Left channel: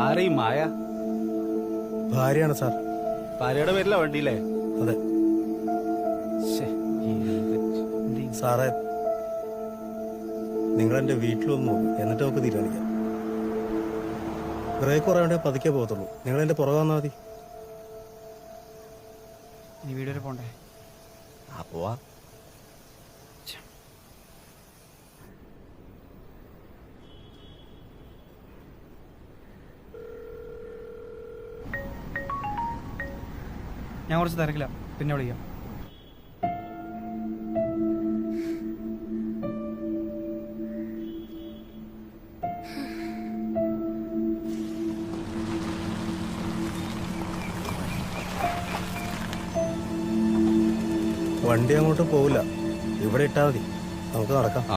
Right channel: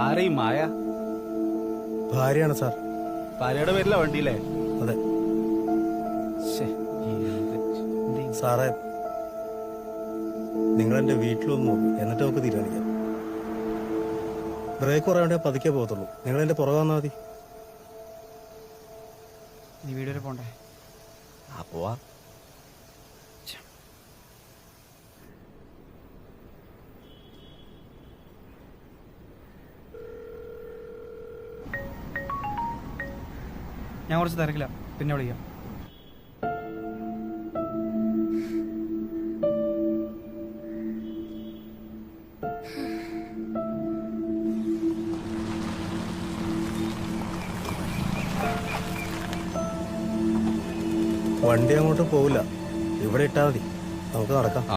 ആരെയും മായ? ഭാര്യയാണ് സാർ. ഭാര്യയുടെ പേരില വണ്ടിയില്ലേ? അതെ സാറേ, നിങ്ങൾ എന്റെ വീട്ടിലൊന്ന് നോക്കൂ, എന്നിട്ട് നമുക്ക് തീരുമാനിക്കാം. ബ്രേക്ക് കുറയാണ്ടേ പതുക്കെ പോകത്തുള്ളൂ. നിങ്ങൾ എന്റെ പുറകെ വന്നാൽ മതി. ഇനി വീട് വരെ പോണ്ടേ? പോവാ. ഞാൻ കുറച്ച് തിരക്കില്ല, പിന്നെ വിളിക്കാം. വണ്ടി അങ്ങോട്ട് പോവില്ല, ഇവിടെ ഇട്ടാൽ മതി, നമുക്ക് നടക്കാം.